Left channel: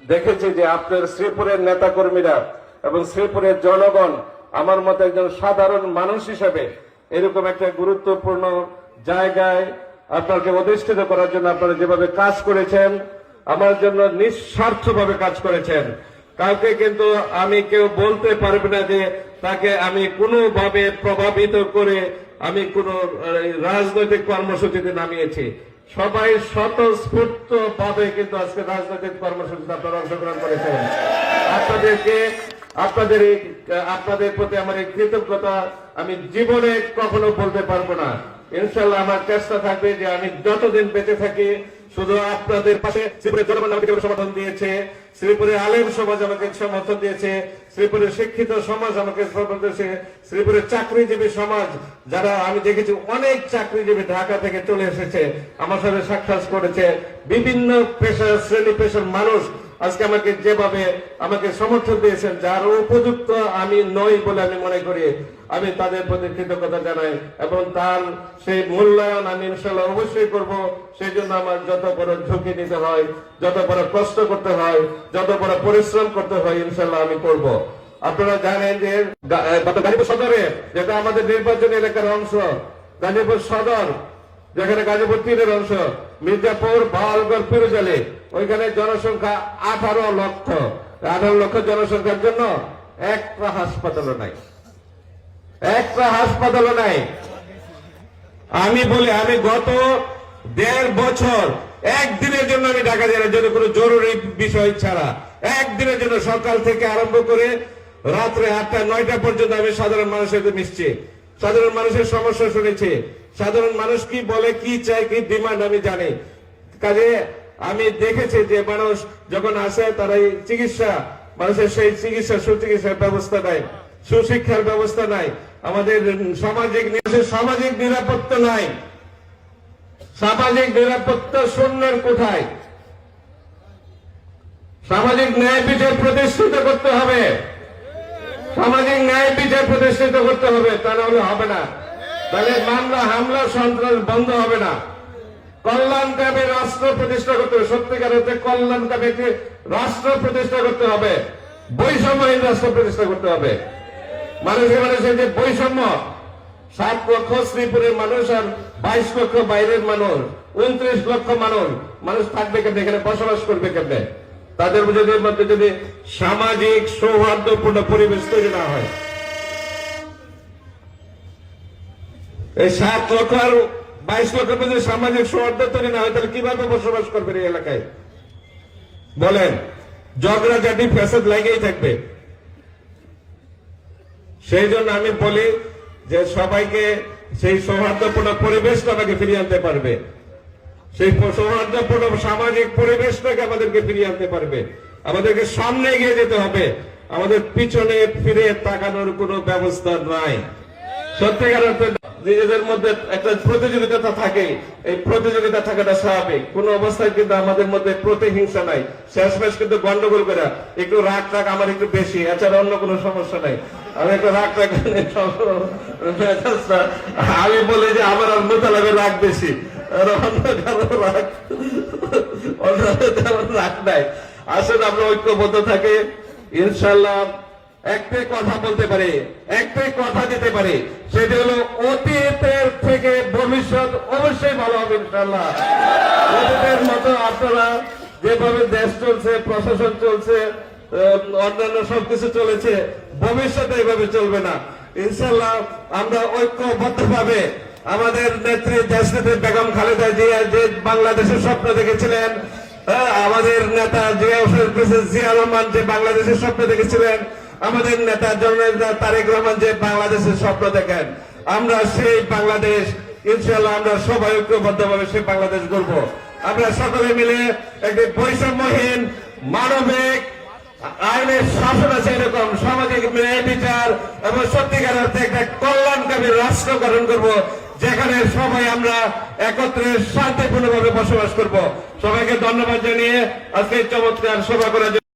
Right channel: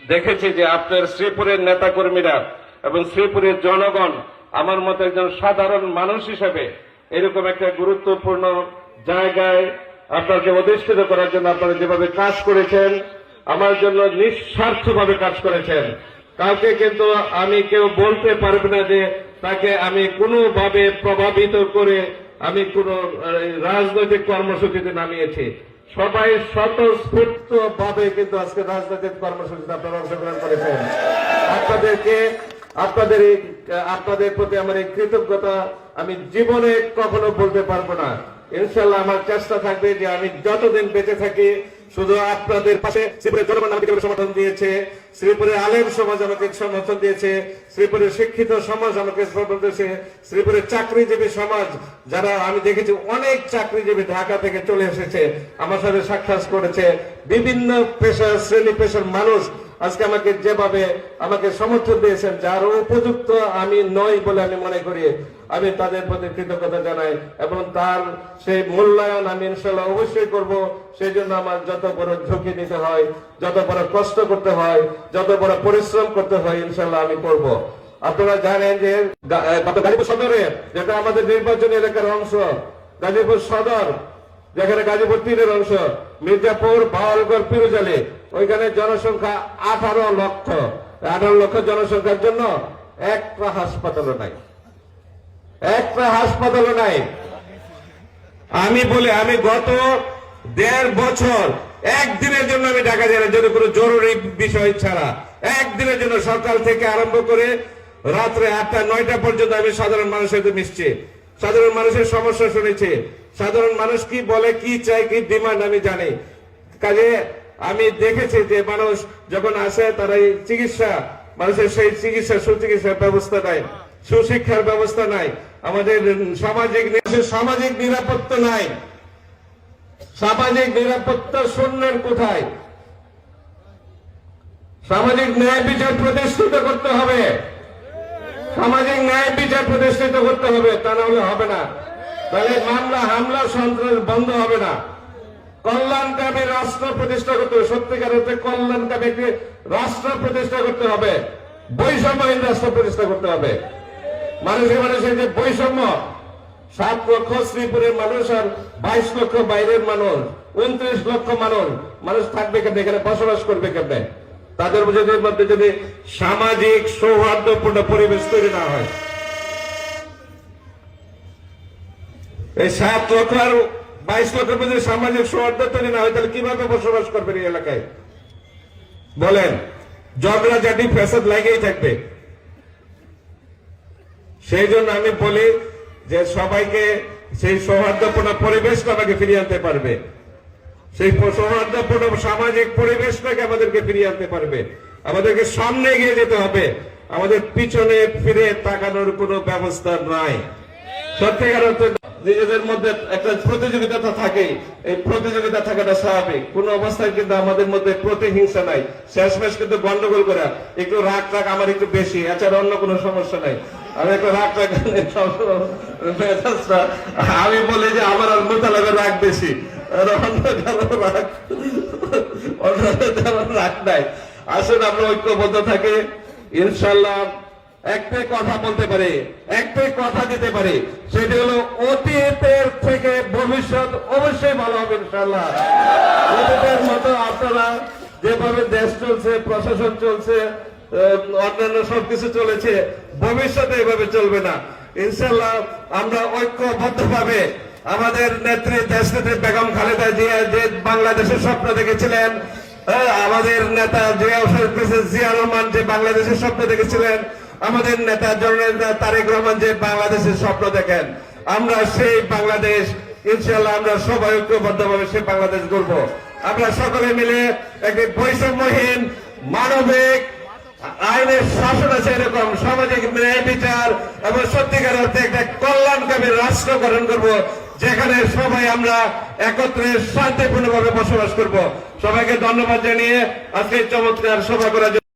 দেখেছি যে আপনার শ্রীপুরের নেতাকর্মীরা এবং শ্রীপুরের জনগণ আমার মতো একজন সাধারণ মানুষ হিসেবে এরকম একটা গুরুত্বপূর্ণ জায়গায় আপনাকে অধিষ্ঠিত করার জন্য আপনারা যেভাবে কাজ করেছেন, আমার জন্য নিঃস্বার্থভাবে কাজ করেছেন। কাউকে কিন্তু আমি কেউ বলতে পারবো না যে তাকে আমি কোনোভাবে প্রভাবিত করে আমি কোন রাজনৈতিক কর্মসূচিতে নামিয়েছি। সবাই স্বতঃস্ফূর্ত ভাবে কিন্তু আজকে রাজনৈতিক কর্মসূচিতে আপনারা অংশগ্রহণ করেছেন। আপনাদের প্রতি আমার এই কৃতজ্ঞতা আমি জীবনে কখনো বলতে পারবো না। ইনশাল্লাহ আমার চেষ্টা থাকবে যে আমি যতদিন বেঁচে থাকি শুধু আপনাদের পাশে। শ্রীপুরের জনগণ আমাকে সমর্থন দিয়েছে, শ্রীপুরের আলেম সমাজ আমাকে সমর্থন দিয়েছে, শ্রীপুরের শিক্ষিত সমাজ আমাকে সমর্থন দিয়েছে, শ্রীপুরের চাকরিজীবী সমাজ, যারা আমি দেখেছি অনেক চাকরিজীবী ঢাকা থেকে চলে এসেছে, আমার সাথে সাক্ষাৎ করেছে। বিভিন্ন পেশার শ্রেণী পেশার মানুষ আজকে আমাকে যেভাবে আমাকে সমর্থন দিয়েছেন, যার উপযুক্ত আমি নই বলে আমি মনে করি, আমি তাদের প্রতি কৃতজ্ঞতা জানাই এবং তার সেই মূল্যায়ন আমি ইনশাল্লাহ অবশ্যই করব। সেই জন্য আমার যত বড় ঝুঁকি নিতে হয়, যত বড় কষ্ট করতে হয়, যত বড় পরিশ্রম করতে হয়, ইনশাল্লাহ আমি করব। আপনারা জানেন যে গাজীপুর সদরে, যেটা আমাদের নির্বাচনী এলাকার অংশ, গাজীপুর সদর যেখানে গাজীপুর 3-এর অংশ, মির্জাপুর, বাউলগড়, পিরোজলি, ওইখানে জনসংখ্যা 18 লক্ষ। 18 লক্ষ জনসংখ্যার জন্য একটা হাসপাতালও নাই, একটা হাসপাতালও নাই। আমি বলি, আমি গত 1.5 বছর একদিনের জন্য আমি ঢাকা জেলার জন্য কোনো জরুরি বিষয় ছাড়া একদিনের জন্য সকাল থেকে আরম্ভ করে রাত্রে 8টা-9টা পর্যন্ত আমি সাধারণ মানুষের সাথে মিশছি, সাধারণ মানুষের সমস্যা শুনেছি, সাধারণ মানুষ কি বলে, কি চায়, কি ডিমান্ড আমি জানি। কাজে আমি দেখেছি যে মানুষ যখন আসে তারা চিকিৎসা, মানুষের সেই চিকিৎসা, সুচিকিৎসার ব্যবস্থা নাই, সুশিক্ষার ব্যবস্থা নাই, আমাদের সামাজিক নিরাপত্তা নাই, সামাজিক নিরাপত্তা শূন্যের কোথায়। সামাজিক ন্যায় বিচার প্রতিষ্ঠিত করতে হবে, সামাজিক ন্যায় বিচার প্রতিষ্ঠিত করতে হবে, তা নাহলে হবে না। তাহলে মামলা, হামলা, সন্ত্রাস বন্ধ হবে না। কল্যাণকামী রাষ্ট্র প্রতিষ্ঠা করতে হবে, সত্যিকারের কল্যাণকামী একটি রাষ্ট্র প্রতিষ্ঠা করতে হবে, বৈষম্যহীন রাষ্ট্র প্রতিষ্ঠা করতে হবে। মানুষের যে বৈষম্য, 7 লক্ষ শ্রীপুরের মানুষ আর 22 লক্ষ বাইরের মানুষ, 29 লক্ষ মানুষ থাকবে কেমনে, এখানে বসবাস করবে কেমনে? তাদের মধ্যে যদি সামাজিক সৌহার্দ্যপূর্ণ পরিবেশ তৈরি না হয়, এই 7 লক্ষ আর 22 লক্ষের মধ্যে সামাজিক সৌহার্দ্য তৈরি না হয়, তাহলে কিভাবে বসবাস করবেন এই এলাকায়? বলেন, ঝগড়াঝাটি ফ্যাসাদ লেগেই থাকবে। সেই জন্য আমি বলি যে সবাইকে সেই সৌহার্দ্যপূর্ণ পরিবেশটা আমাকে ফিরিয়ে আনতে পারবে, সেই সৌহার্দ্যপূর্ণ সামাজিক পরিবেশটাকে আমাদেরকে ফিরিয়ে আনতে পারবে। আমাদেরকে সামনে এগিয়ে যেতে হবে, আমাদের পিছনে ফিরে তাকানোর কোনো ব্যবস্থা নাই। সত্যিকার অর্থে নিজেদের মধ্যে একটা প্রতিযোগিতা থাকে, এই প্রতিযোগিতা থাকাটা স্বাভাবিক। কোন অবস্থায় কিন্তু আমাদের মধ্যে প্রতিহিংসা নাই, শেষমেশ কিন্তু গন্ডগোল করে একটু রাগ টাগ আমার একটু বেশি, আচ্ছা অন্য কোনো সমস্যা নাই, আমি একটু রাগ টাগ আমি বলি যে আমার আর মোতালাবের রাগ বেশি, রাগ নাই। আসলে আমরা ঐক্যবদ্ধ থাকে, ইনশাল্লাহ একটাই কথা বলতে পারে, একটাই কথা দিতে পারে, সেটি হলো অতীতের থেকে ভবিষ্যৎ অবশ্যই ভালো হবে ইনশাল্লাহ। অতীতের মতো আপনারা যেভাবে দেশ চলছে, প্রশাসন চলছে, অন্যান্য সবকিছু চলেছে, ভবিষ্যতে এভাবে চলবে না ইনশাল্লাহ। আমরা ঐক্যবদ্ধ ভাবে আমাদের নেত্রী দেশনেত্রী বেগম খালেদা জিয়া যে বাংলাদেশের স্বপ্ন দেখেছিলেন, আমাদের নেতা জিয়া রহমান যে বাংলাদেশের স্বপ্ন দেখেছিলেন, আমাদের নেতা জননেতা তারেক রহমান যে বাংলাদেশের স্বপ্ন দেখেন, আমরা সেই বাংলাদেশ ইনশাআল্লাহ আমরা সবাই ঐক্যবদ্ধভাবে সেই বাংলাদেশ গড়ব। আমরা সকলে মিলে একটি বৈষম্যহীন, মানবিক, আইনের শাসন আছে এরকম সামাজিক ন্যায় বিচার এবং সত্যিকার অর্থে একটা কল্যাণকামী রাষ্ট্র গঠন করব, যেখানে সবাই আমরা একত্রে শান্তিপূর্ণভাবে বসবাস করব। সবাইকে ধন্যবাদ জানিয়ে আজকে চমৎকার সভা করার জন্য